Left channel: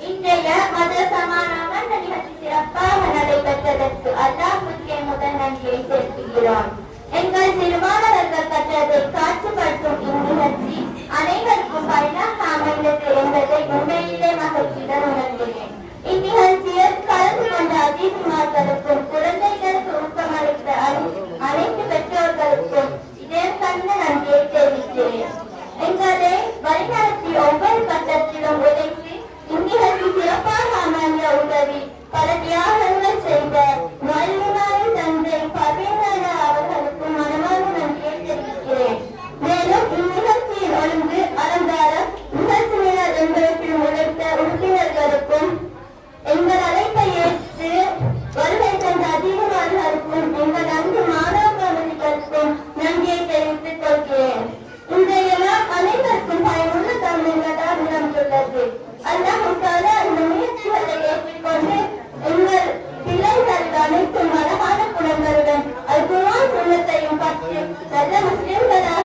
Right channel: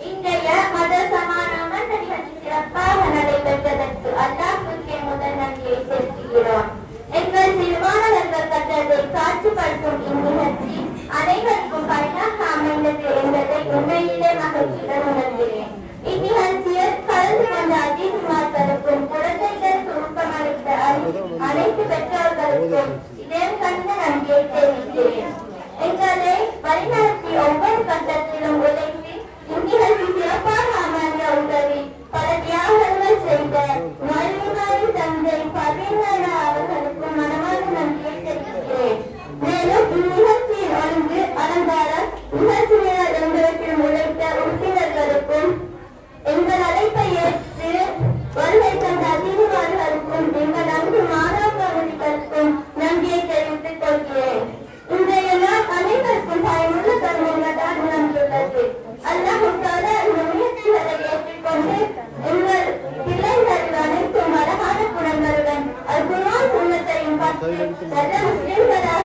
இன்றைய மத சமாதான நிகழ்ச்சி சிறப்பாக நடைபெற்றதற்கு அல்லாஹ்வுக்கே முதல் நன்றியை செலுத்துகிறோம். எங்கள் சிறுமாணவர்கள் கற்றதை காட்சிப்படுத்தும் இந்நிகழ்ச்சி அனைவருக்கும் பயனாக அமைந்தது என்பதை உண்மையிலே மகிழ்ச்சி